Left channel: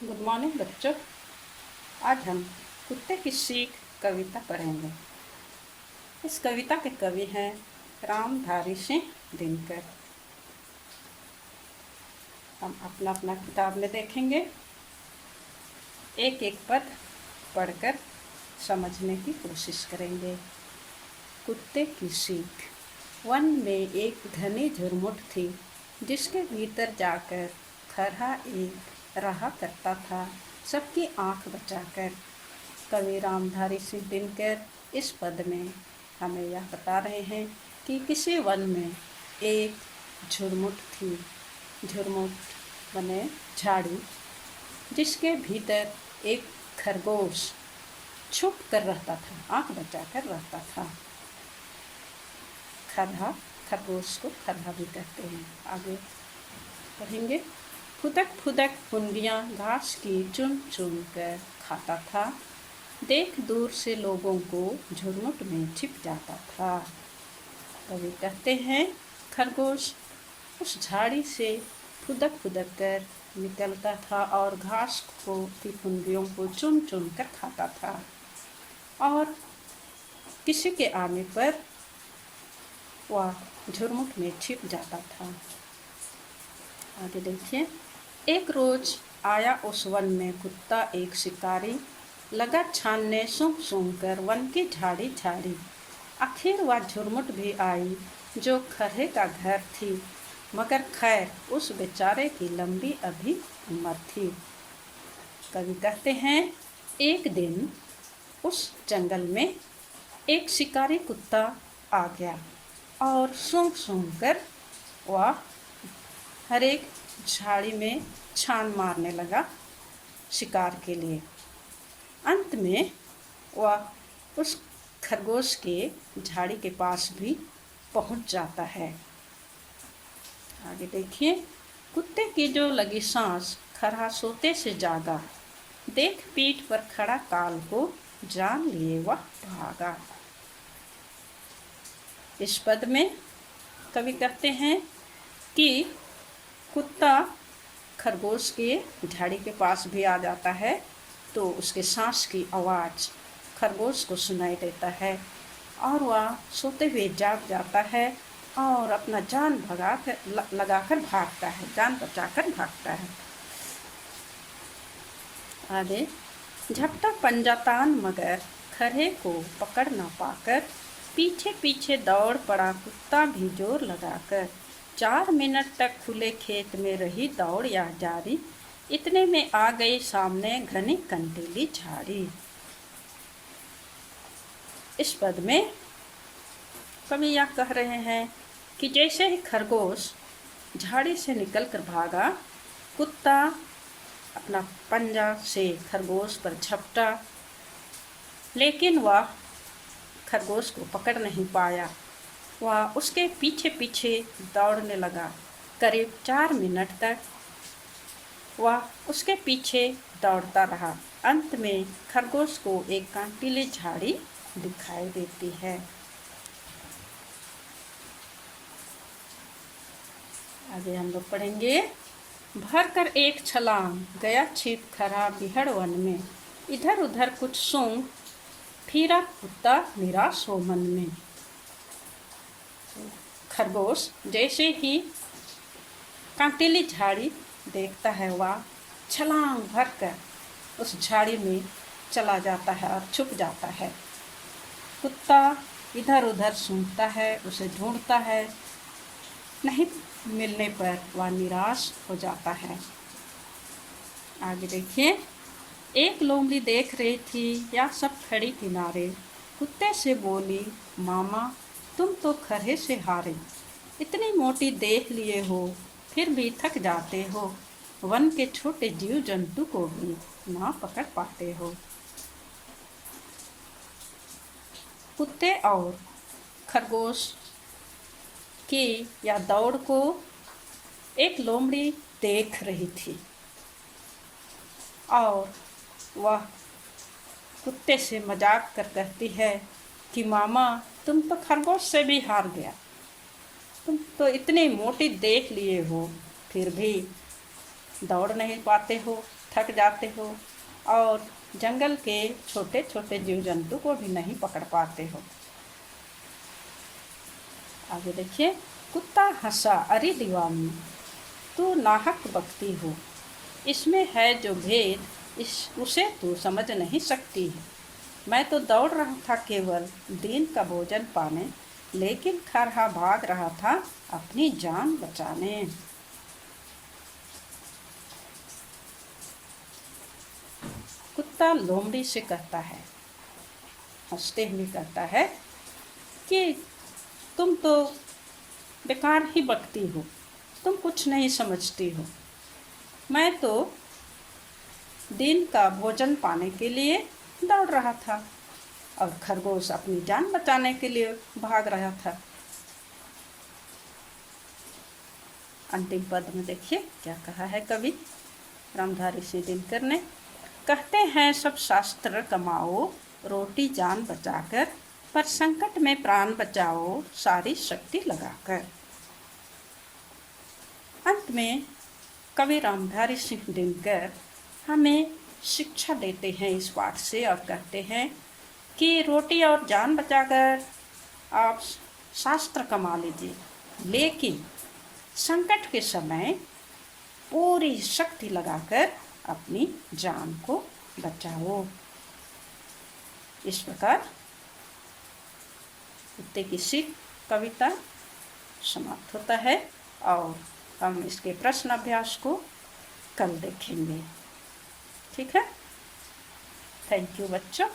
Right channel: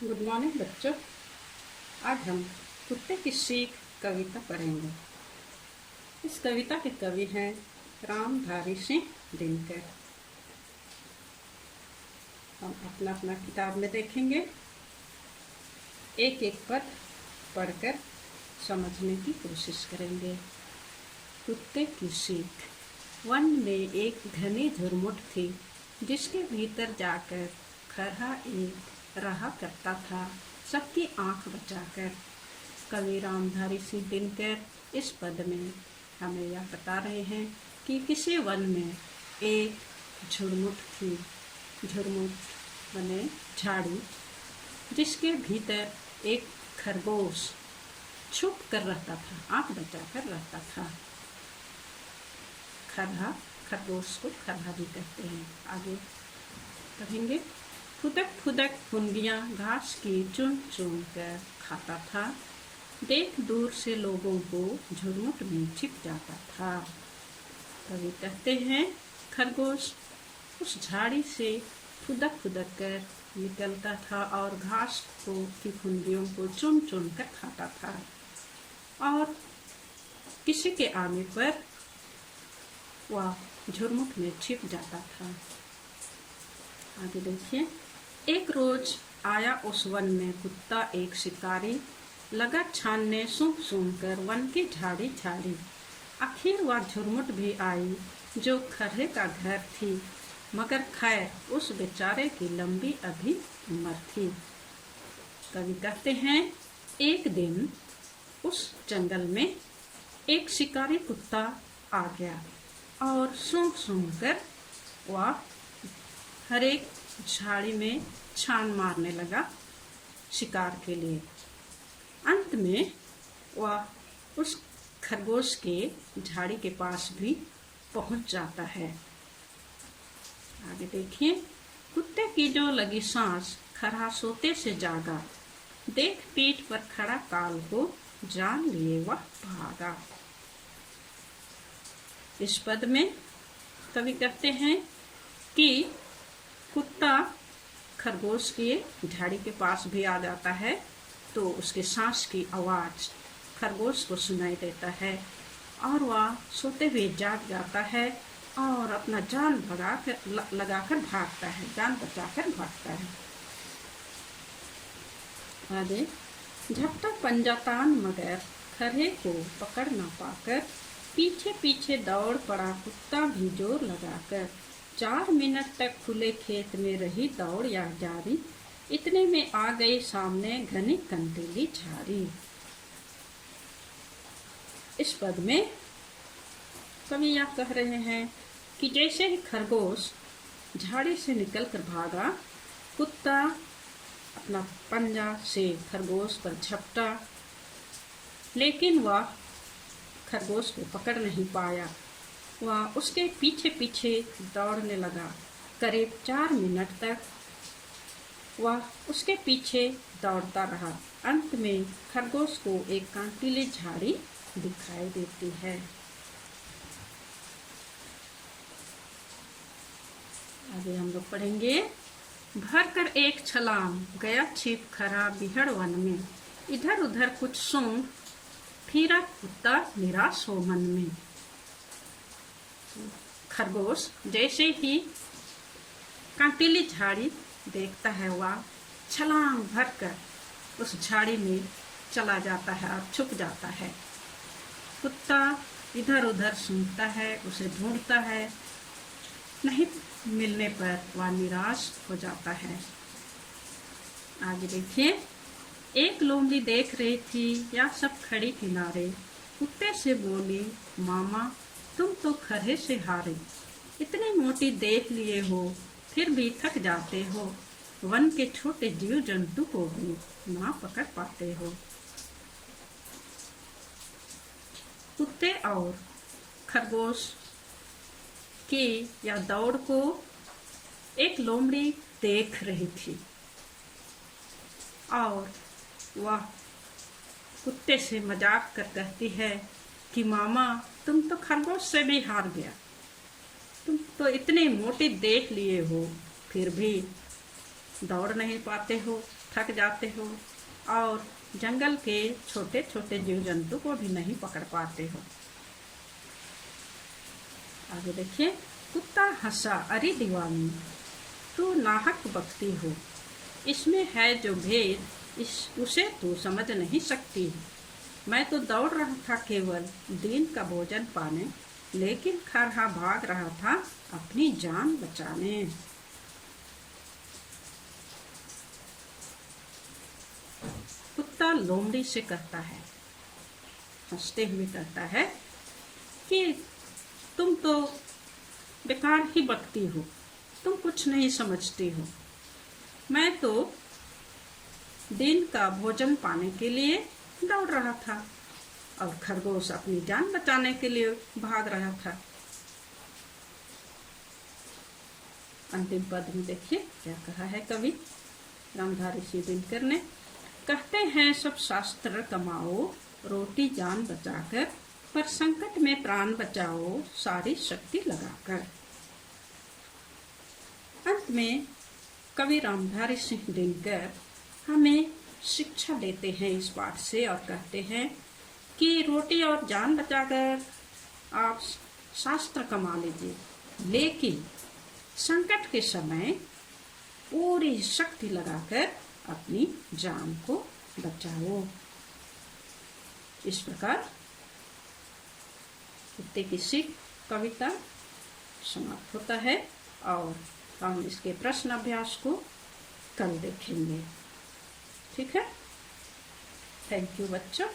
Good morning बच्चों। आज हम कुत्ते की सीख कविता पढ़ेंगे। इस कविता के कवि हैं रामधारी सिंह दिनकर। हम अपना अपना किताब में देखेंगे, एक एक पद पढ़कर समझने की कोशिश करेंगे। कुत्ते की सीख। वन में एक घनी झुरमुट थी, जिसके भीतर जाकर खरहा एक रहा करता था, सबकी आंख बचाकर। कवि रामधारी सिंह दिनकर इस पद में हमें यह बता रहे हैं कि किसी वन में एक झुरमुट थी। झुरमुट बने झाड़ी, जिसके भीतर एक खरगोश छुप कर रहता था, आंख बचा कर रहता था। खरहा, खरगोश को खरहा भी कहते हैं। आगे पढ़ेंगे। फुदक फुदक फुनगियाँ घास की चुन चुन कर खाता था, देख दूर से लोगों को झुरमुट में छिप जाता था। कवि कहते हैं खरगोश उस झाड़ी से फुदक फुदक कर निकलता था और घास को की फुनगियों को चुन चुन कर खाता था, और किसी के आने पर वह झुरमुट में छिप जाता था। आगे देखिए। एक रोज आया उस वन में कुत्ता एक शिकारी, लगा छानने सूंघ सूंघ कर वन की झाड़ी झाड़ी। आखिर वह झुरमुट भी आई जो खरहे का घर थी, मगर खैर उस बेचारे की लंबी अभी उम्र थी। कवि कहते हैं एक दिन उस जंगल में एक शिकारी कुत्ता आ गया और सूंघ सूंघ कर वह हर एक झाड़ी में छान मारने लगा शिकार के लिए। अंत में वह उस खरगोश के झाड़ी के पास भी पहुंच जाता है। आगे देखिए। कुत्ते की जो लगी सांस खरहा सोते से जागा, देख पीठ पर खड़ा काल को जान लिए वह भागा। इस पद में कवि कहते हैं कि कुत्ता खरगोश के झाड़ी के पास भी आ जाता है, तो उसके सांस की आवाज़ खरगोश को सुनाई देता है और वह सोते हुए जाग जाता है और अपना जान लगाकर भागता है, जान बचाकर भागता है। आगे। झपटा पंजा तान मगर खरहे को पकड़ न पाकर, पीछे पीछे दौड़ पड़ा कुत्ता भी जोर लगाकर। 4 मिनट तक खुले खेत में रही दौड़ या जारी, इतने में आ गई सामने घनी कंटीली झाड़ी। इस पद में कवि यह कह रहे हैं कि जैसे ही खरगोश झाड़ी से निकलकर भागा, कुत्ता अपना पंजा से खरगोश पर झपटा, लेकिन वह खरगोश को पकड़ नहीं पाया। वह उसके पीछे पीछे दौड़ने लगा। करीब 4 मिनट तक वह उसके पीछे दौड़ता रहा। अंत में खरगोश को एक कांटीली झाड़ी दिखाई देती है। आगे हम लोग पढ़ेंगे। भर कर एक छलांग गया छिप खरा बिहड़ वन में, इधर उधर कुछ सूंघ फिरा कुत्ता निराश हो मन में। खरगोश जैसे ही कांटीली झाड़ी देखता है, वह छलांग भरकर उस झाड़ी में चला जाता है और छुप जाता है। कुत्ता इधर उधर सूंघता है, उसे ढूंढता है, नहीं मिलने पर वह निराश हो जाता है। आगे देखिए। एक लोमड़ी देख रही थी या सब खड़ी किनारे, कुत्ते से बोली मामा तुम तो खरहे से हारे, इतनी मोटी देख लिए हो फिर भी थक जाते हो, वन के छोटे जीव जंतु को भी ना पकड़ पाते हो। कुत्ते और खरगोश की या दौड़ को एक लोमड़ी देख रही थी और वह कुत्ते से मजाक कर कहती है कि मामा तुम तो खरगोश से भी हार गया, तुम तो इतनी मोटी देख लिए हो फिर भी दौड़ नहीं पाते हो, थक जाते हो और जंगल के छोटे छोटे जीव जंतु को भी नहीं पकड़ पाते हो। आगे देखिए, कुत्ता हंसा, अरे दीवानी तू नाहक बकती हो, इसमें है जो भेद उसे तू समझ नहीं सकती है। मैं तो दौड़ रहा था केवल दिन का भोजन पाने, लेकिन खरहा भाग रहा था अपनी जान बचाने। कुत्ता लोमड़ी से कहता है, हंसते हुए कहता है कि तुम तो बेकार ही बकती हो, तुम कुछ नहीं समझती हो। मैं तो दिन का भोजन पाने के लिए दौड़ रहा था और खरगोश अपनी जान बचाने के लिए भाग रहा था। अंतिम पद में देखिए क्या कहा है कवि रामधारी सिंह दिनकर ने। कहते हैं सब शास्त्र कमाओ, रोटी जान बचाकर, पर संकट में प्राण बचाओ सारी शक्ति लगाकर। अंत में कवि रामधारी सिंह दिनकर हमें शिक्षा देते हैं इस पाठ से और कहते हैं कि रोटी और जान बचाकर आप शास्त्र कमा लीजिए, लेकिन संकट के समय पूरी शक्ति लगाकर अपनी जान को बचाओ। इस प्रकार कुत्ते की सीख कविता समाप्त होता है और हम इसके प्रश्न अभ्यास को कल देखेंगे। ठीक है, थैंक यू बच्चों।